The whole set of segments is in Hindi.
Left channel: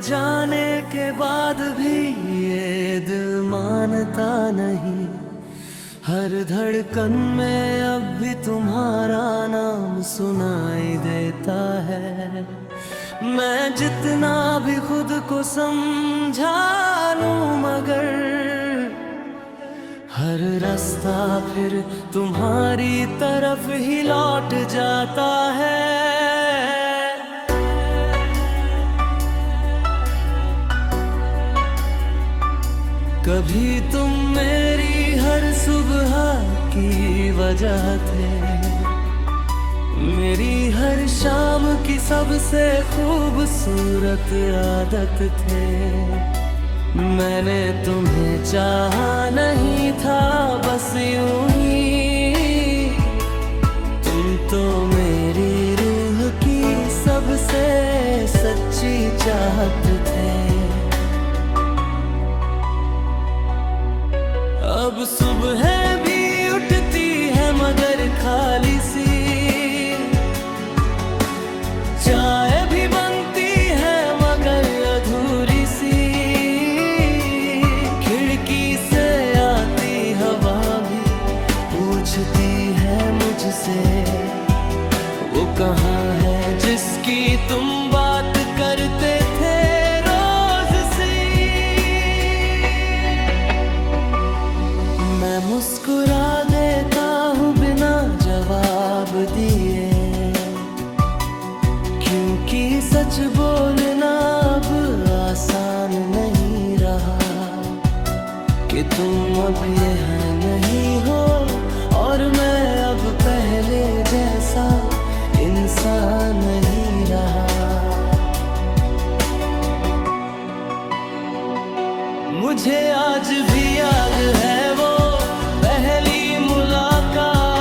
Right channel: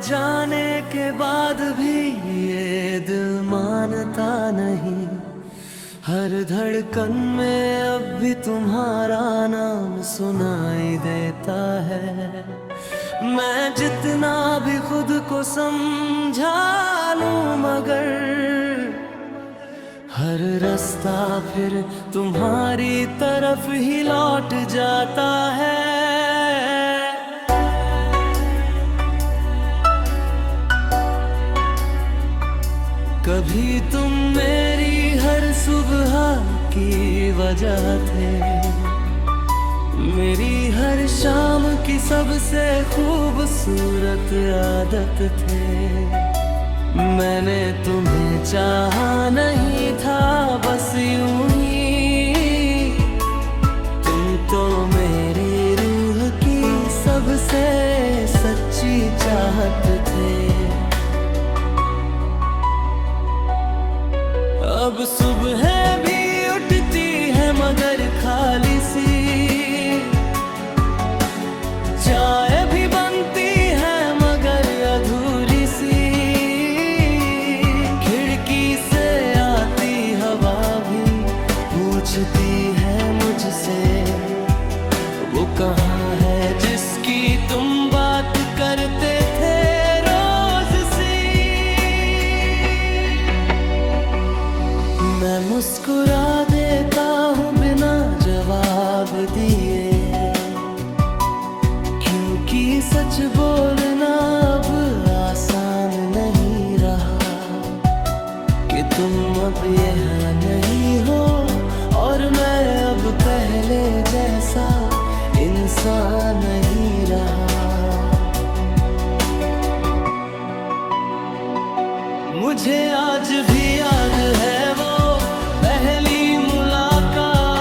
जाने के बाद भी ये दिल मानता नहीं। हर धड़कन में अब भी तुम्हारा नाम सुनाई देता है। मैं जितना भी खुद को समझा लूं मगर हर रास्ता फिर तुम्हारी तरफ ही लौट जाता है। कभी तुम मेरी हर सुबह की वजह थे, मेरी हर शाम की सबसे खूबसूरत आदत थे। मैंने तुम्हें चाहा नहीं था बस यूं ही, तुम तो मेरी रूह की सबसे सच्ची चाहत थे। अब सुबह भी उठती है मगर खाली सी, चाय भी बनती है मगर अधूरी सी। खिड़की से आती हवा भी पूछती है मुझसे, वो कहाँ है जिसकी तुम बात करते थे रोज सी। मैं मुस्कुरा देता हूँ बिना जवाब दिए, क्योंकि सच बोलना अब आसान नहीं रहा कि तुम अब यहाँ नहीं हो और मैं अब पहले जैसा इंसान नहीं रहा। मुझे आज भी याद है वो पहली मुलाकात,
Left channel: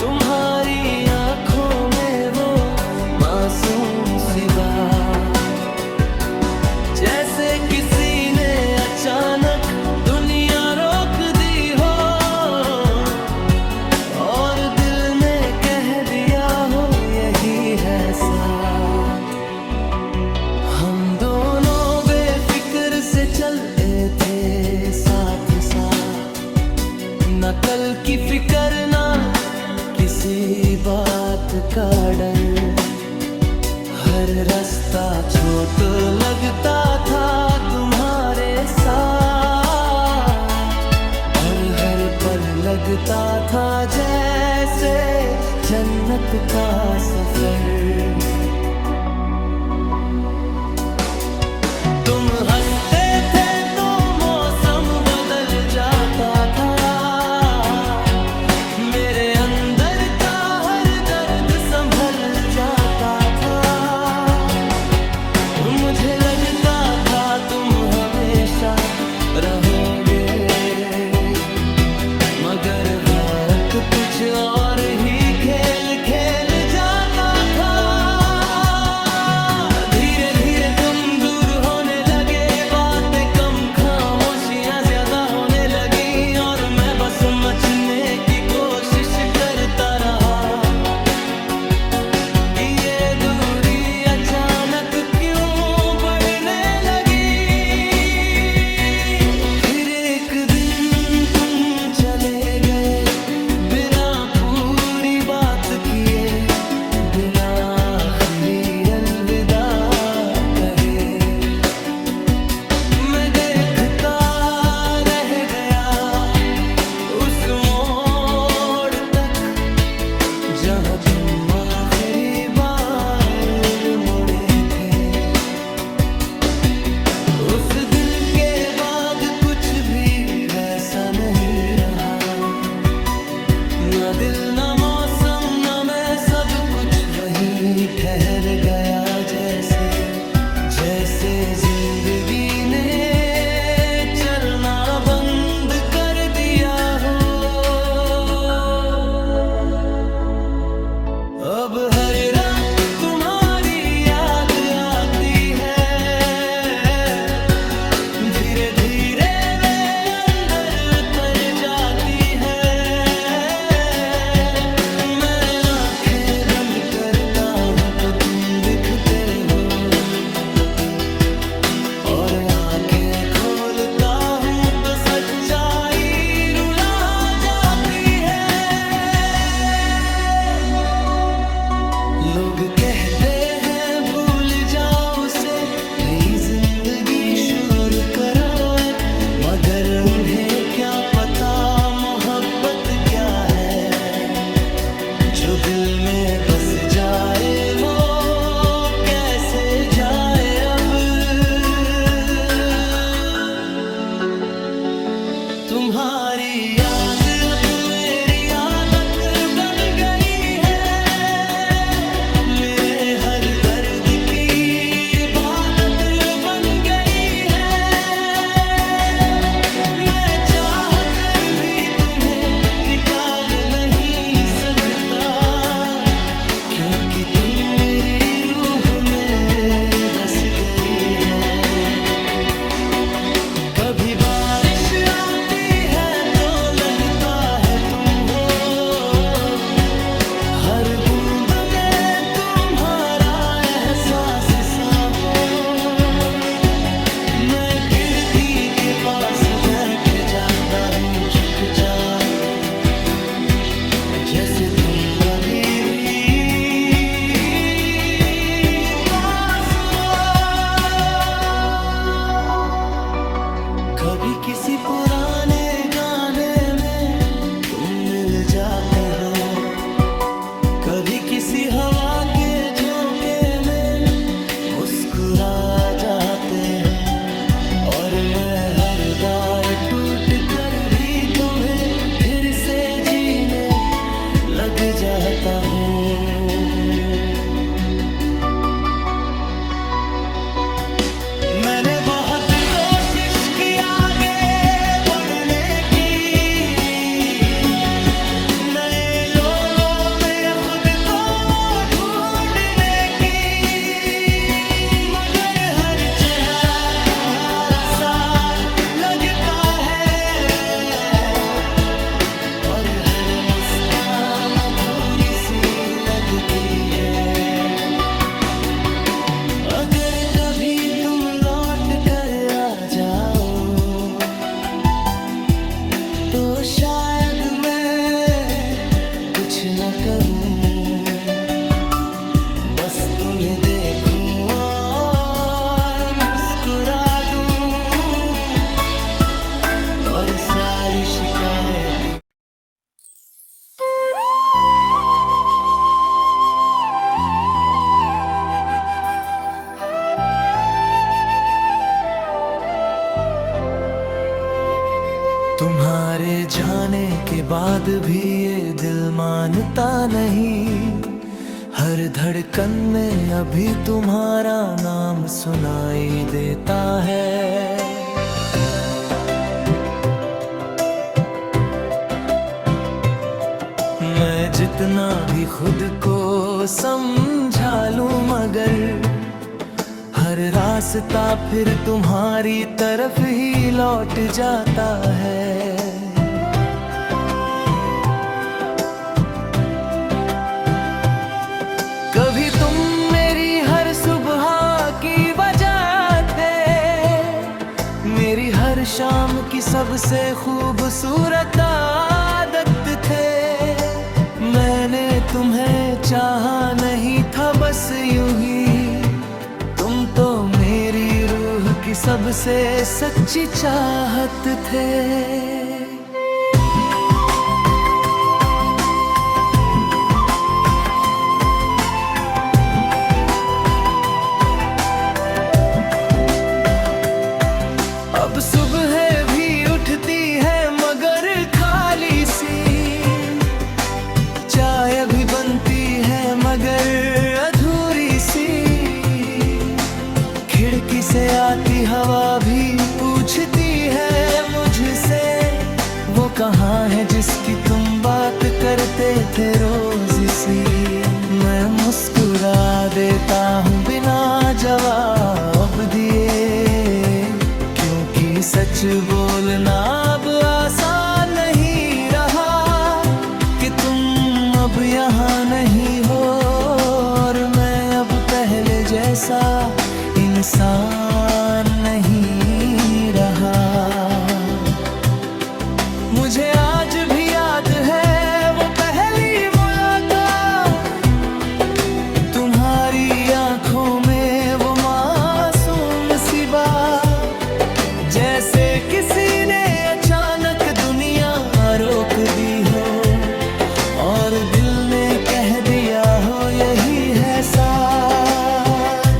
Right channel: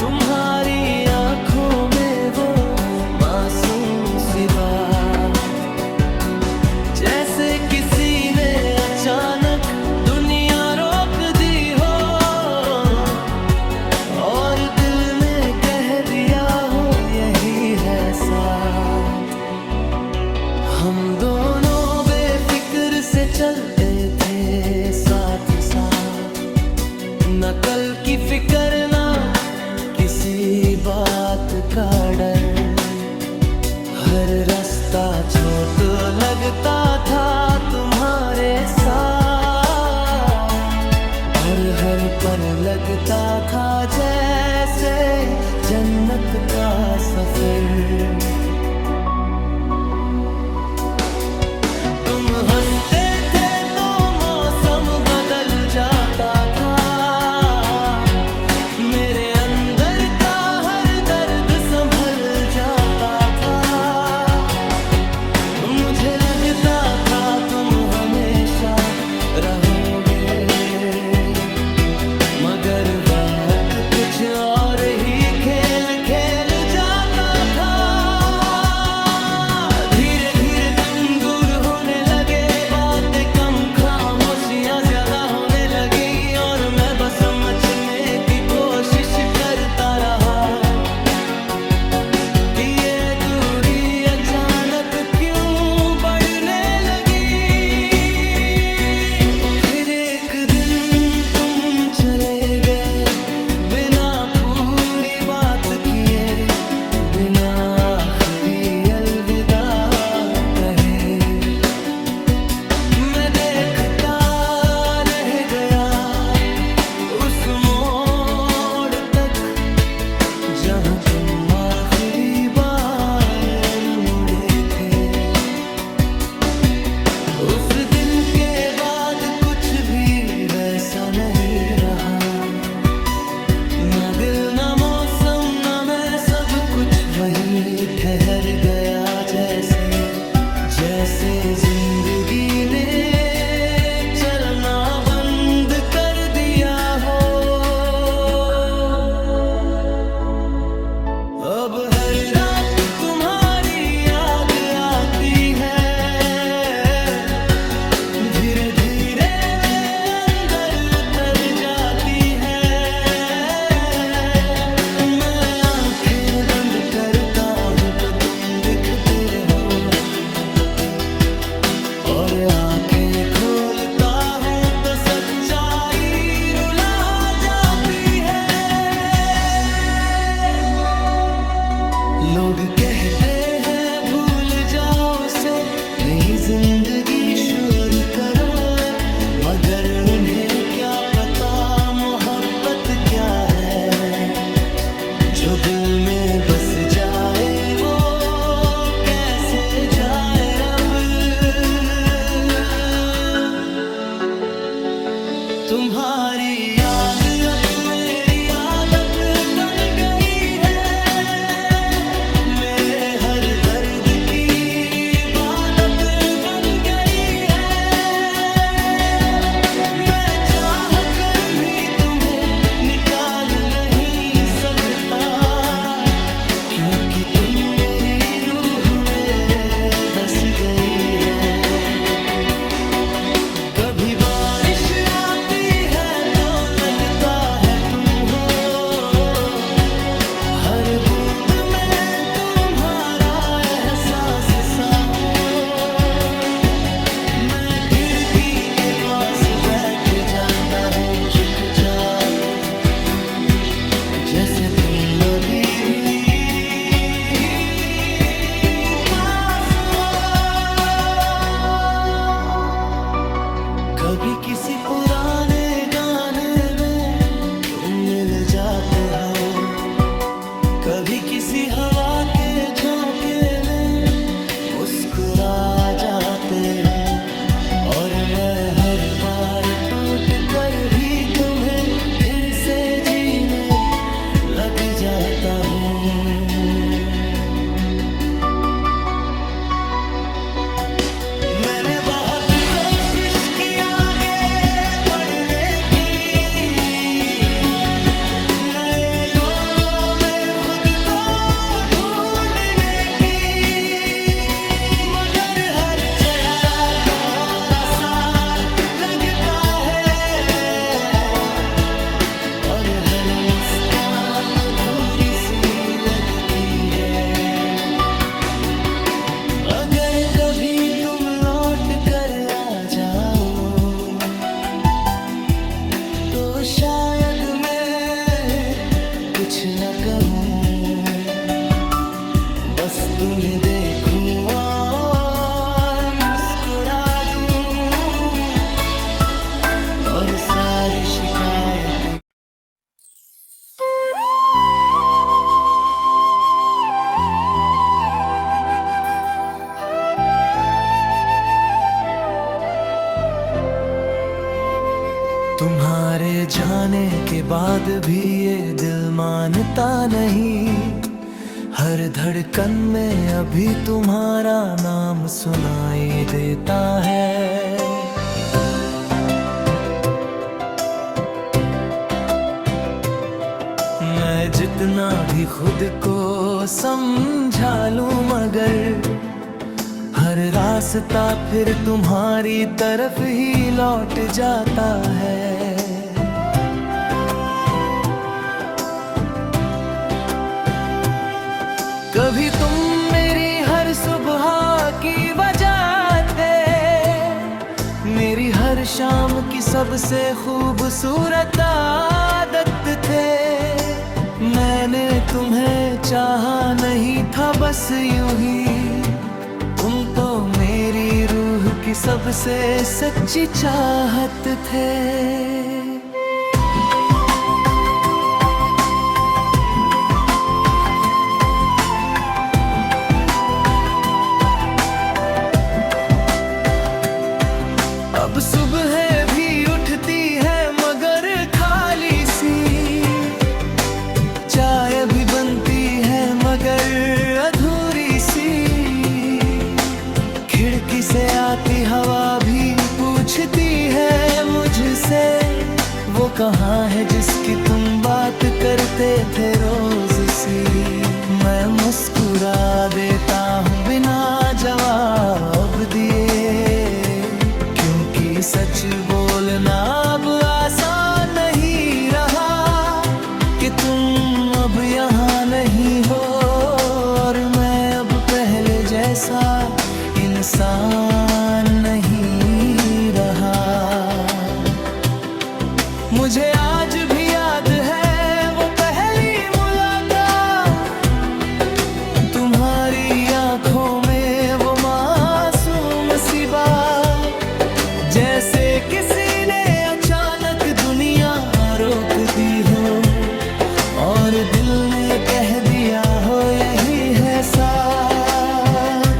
तुम्हारी आंखों में वो मासूम सी बात। जैसे किसी ने अचानक दुनिया रोक दी हो और दिल ने कह दिया हो यही है साथ। हम दोनों बेफिक्र से चलते थे साथ साथ, न कल की फिक्र ना किसी बात का डर। हर रास्ता छोटा लगता था तुम्हारे साथ और हर पल लगता था जैसे जन्नत का सफर। तुम हंसते थे तो मौसम बदल जाता था, मेरे अंदर का हर दर्द संभल जाता था। मुझे लगता था तुम हमेशा रहोगे, मगर वक्त कुछ और ही खेल खेल जाता था। धीरे धीरे तुम दूर होने लगे, बातें कम खामोशियां ज्यादा होने लगी और मैं बस समझने की कोशिश करता रहा कि ये दूरी अचानक क्यों बढ़ने लगी। फिर एक दिन तुम चले गए बिना पूरी बात किए, बिना आखिरी अलविदा कहे। मैं देखता रह गया उस मोड़ तक जहाँ तुम आखिरी बार मुड़े थे। उस दिन के बाद कुछ भी वैसा नहीं रहा, ना दिल ना मौसम ना मैं, सब कुछ वहीं ठहर गया जैसे जैसे जिंदगी ने चलना बंद कर दिया हो। अब हर रात तुम्हारी याद आती है, धीरे धीरे वे अंदर उतर जाती है। मैं आंखें बंद करता हूँ तो तुम दिखते हो, लोग कहते हैं भूल जाओ उसे, नई जिंदगी शुरू करो अब, मगर उन्हें क्या पता मोहब्बत क्या है। जो दिल में बस जाए वो कैसे जाए अब। तुम्हारी याद अब मेरी आदत बन गई है, मेरे हर दर्द की इबादत बन गई है। मैं चाह कर भी तुम्हें निकाल नहीं सकता, क्योंकि तुम मेरी रूह में बस गई है। कभी बारिश आती है तो लगता है तुम हो, हर बूंद में तुम्हारा एहसास सा हो। मैं खिड़की के पास बैठ जाता हूँ चुपचाप, जैसे तुम अभी भी पास हो। कभी किसी पुराने गाने में तुम मिल जाते हो, कभी किसी हवा के झोंके में मुस्कुरा जाते हो। और मैं हर बार टूट कर भी तुम्हें फिर से जीने लग जाता हूँ। मैंने बहुत कोशिश की आगे बढ़ने की, नए लोगों में खुद को ढूंढने की, मगर हर चेहरा तुम्हारा सा लगता है, और हर मुस्कान अधूरी सी लगती है। अगर कभी तुम लौट कर आ जाओ तो शायद मैं कुछ न कहूँ, बस तुम्हें देखूं और मुस्कुरा दूं, और सारी शिकायतें तुम्हारे जाने के बाद भी ये दिल मानता नहीं, हर धड़कन में अभी तुम्हारा नाम सुनाई देता है। मैं जितना भी खुद को समझा लूं, मगर हर रास्ता फिर तुम्हारी तरफ ही लौट जाता है। कभी तुम मेरी हर सुबह की वजह थे, मेरी हर शाम की सबसे खूबसूरत आदत थे। मैंने तुम्हें चाहा नहीं था बस यूं ही, तुम तो मेरी रूह की सबसे सच्ची चाहत थे। अब सुबह भी उठती है मगर खाली सी, चाय भी बनती है मगर अधूरी सी, खिड़की से आती हवा भी पूछती है मुझसे, वो कहाँ है जिसकी तुम बात करते थे रोज सी। मैं मुस्कुरा देता हूँ बिना जवाब दिए, क्योंकि सच बोलना अब आसान नहीं रहा कि तुम अब यहाँ नहीं हो, और मैं अब पहले जैसा इंसान नहीं रहा। मुझे आज भी याद है वो पहली मुलाकात, रोक दी हो और दिल ने कह दिया हो यही है साथ।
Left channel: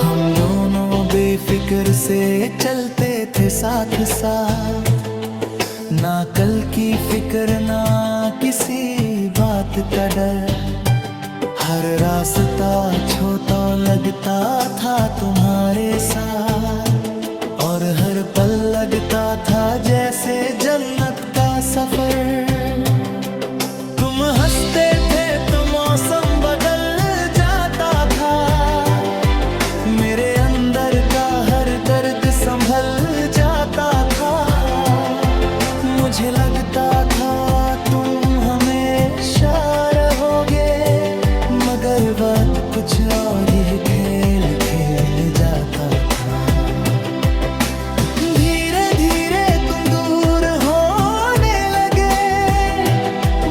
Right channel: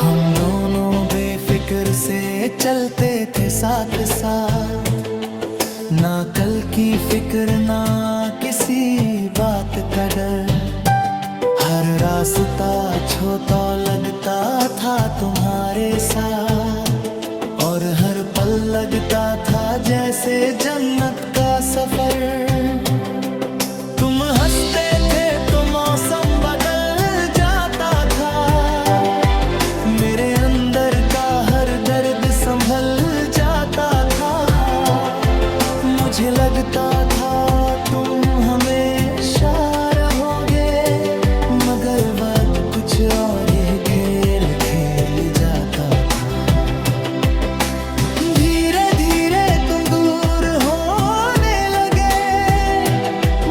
हम दोनों बेफिक्र से चलते थे साथ साथ, ना कल की फिक्र ना किसी बात का डर। हर रास्ता छोटा लगता था तुम्हारे साथ और हर पल लगता था जैसे जन्नत का सफर। तुम हंसते थे तो मौसम बदल जाता था, मेरे अंदर का हर दर्द संभल जाता था। मुझे लगता था तुम हमेशा रहोगे, मगर वक्त कुछ और ही खेल खेल जाता था। धीरे धीरे तुम दूर होने लगे,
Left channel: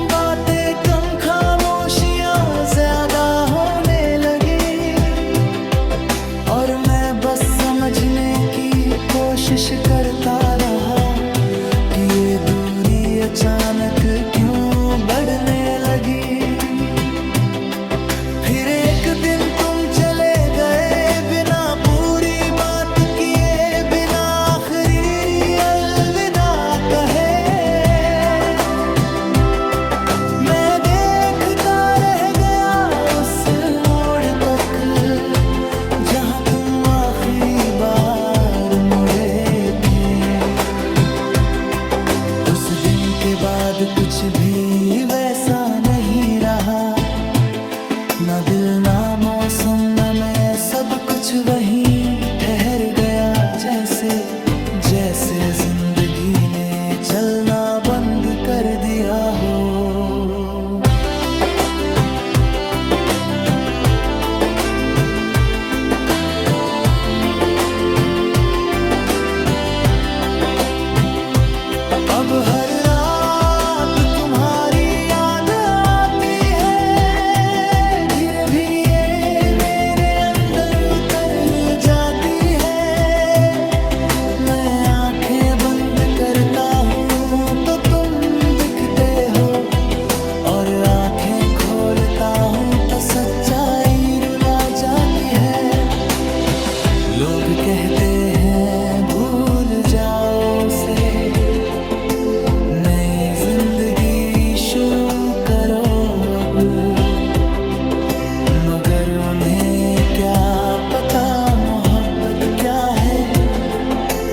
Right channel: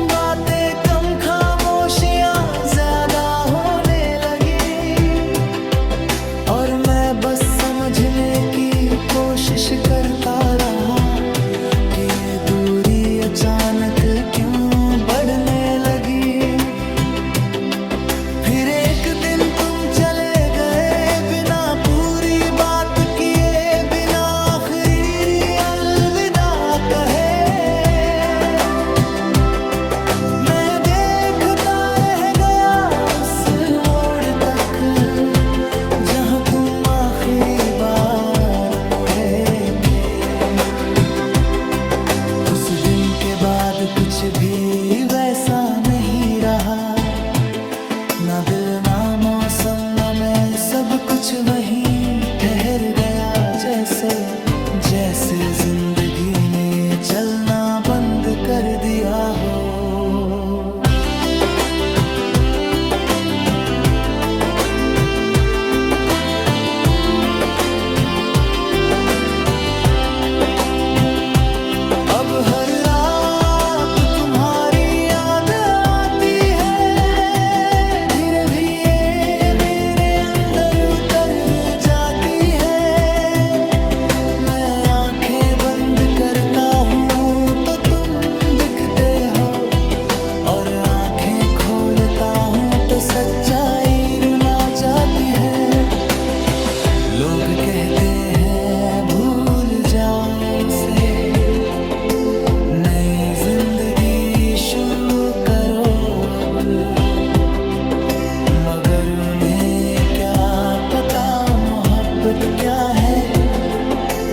बातें कम खामोशियां ज्यादा होने लगी और मैं बस समझने की कोशिश करता रहा कि ये दूरी अचानक क्यों बढ़ने लगी। फिर एक दिन तुम चले गए बिना पूरी बात किए, बिना आखिरी अलविदा कहे। मैं देखता रह गया उस मोड़ तक जहां तुम आखिरी बार मुड़े थे। उस दिन के बाद कुछ भी वैसा नहीं रहा, ना दिल ना मौसम ना मैं, सब कुछ वहीं ठहर गया जैसे जैसे जिंदगी ने चलना बंद कर दिया हो। अब हर रात तुम्हारी याद आती है, धीरे भी ये मेरे अंदर उतर जाती है। मैं आंखें बंद करता हूँ तो तुम दिखते हो और आंखें खोलता हूँ तो सच्चाई रुला जाती है। लोग कहते हैं भूल जाओ उसे, नई जिंदगी शुरू करो अब, मगर उन्हें क्या पता मोहब्बत क्या है।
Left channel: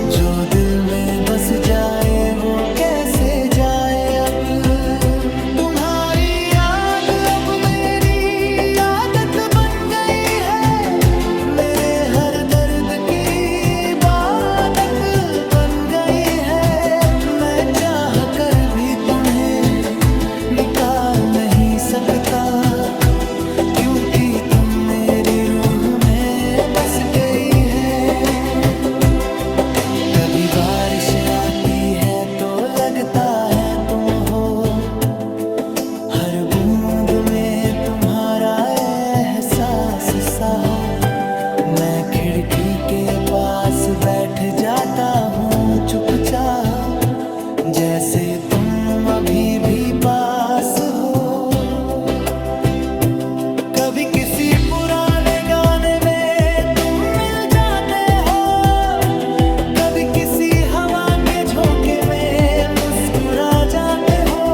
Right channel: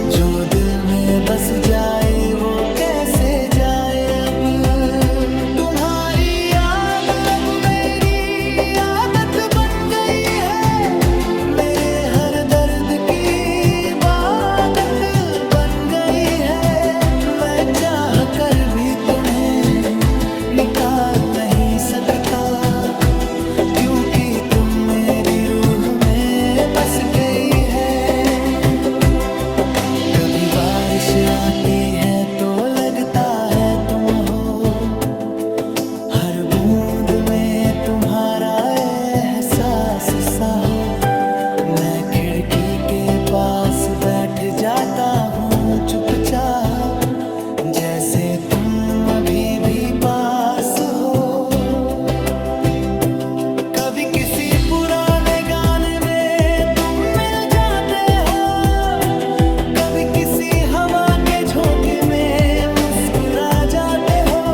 जो दिल में बस जाए वो कैसे जाए अब। तुम्हारी याद अब मेरी आदत बन गई है, मेरे हर दर्द की इबादत बन गई है। मैं चाह कर भी तुम्हें निकाल नहीं सकता, क्योंकि तुम मेरी रूह में बस गई है। कभी बारिश आती है तो लगता है तुम हो, हर बूंद में तुम्हारा एहसास सा हो। मैं खिड़की के पास बैठ जाता हूँ चुपचाप, जैसे तुम अभी भी पास हो। कभी किसी पुराने गाने में तुम मिल जाते हो, कभी किसी हवा के झोंके में मुस्कुरा जाते हो,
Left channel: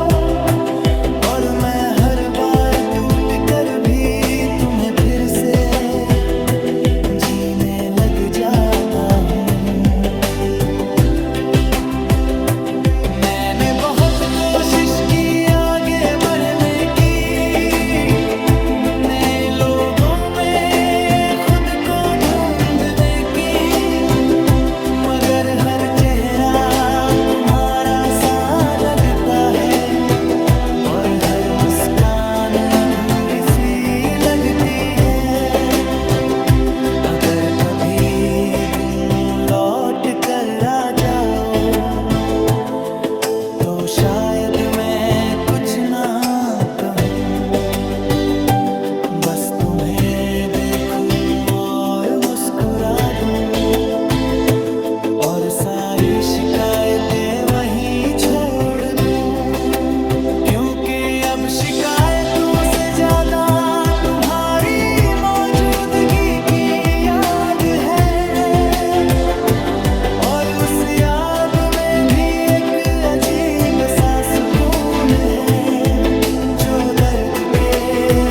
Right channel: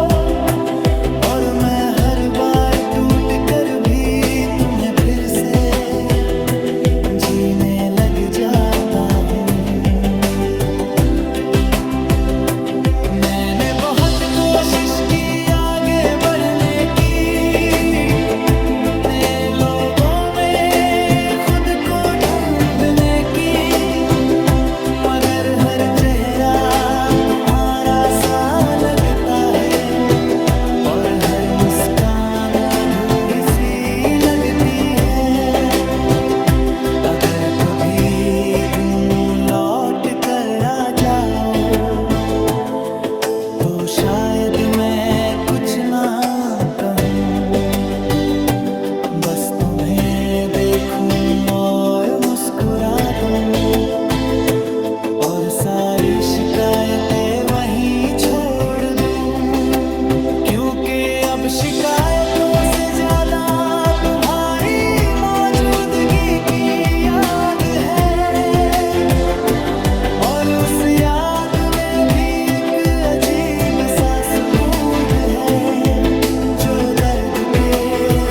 और मैं हर बार टूट कर भी तुम्हें फिर से जीने लग जाता हूँ। मैंने बहुत कोशिश की आगे बढ़ने की, नए लोगों में खुद को ढूंढने की, मगर हर चेहरा तुम्हारा सा लगता है और हर मुस्कान अधूरी सी लगती है। अगर कभी यूं लौट कर आ जाओ तो शायद मैं कुछ ना कहूँ, बस तुम्हें देखूं और मुस्कुरा मुस्कुरा दूं और सारी शिकायतें वहीं छोड़ दूं, क्योंकि अब शिकायतों से ज्यादा तुम्हारी मौजूदगी की याद है। और उस याद में भी एक अजीब सा सुकून है, जो दर्द के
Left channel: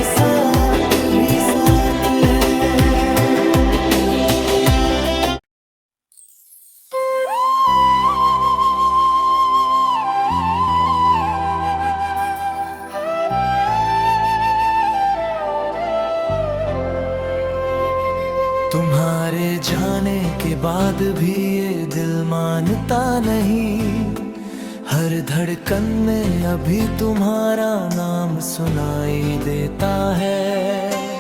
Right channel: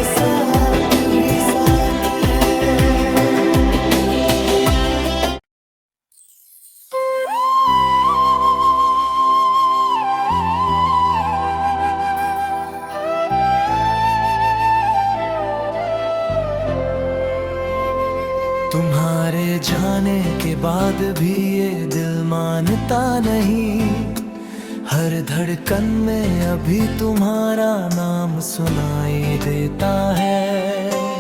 साथ भी साथ है। तुम्हारे जाने के बाद भी ये दिल मानता नहीं, हर धड़कन में अभी तुम्हारा नाम सुनाई देता है।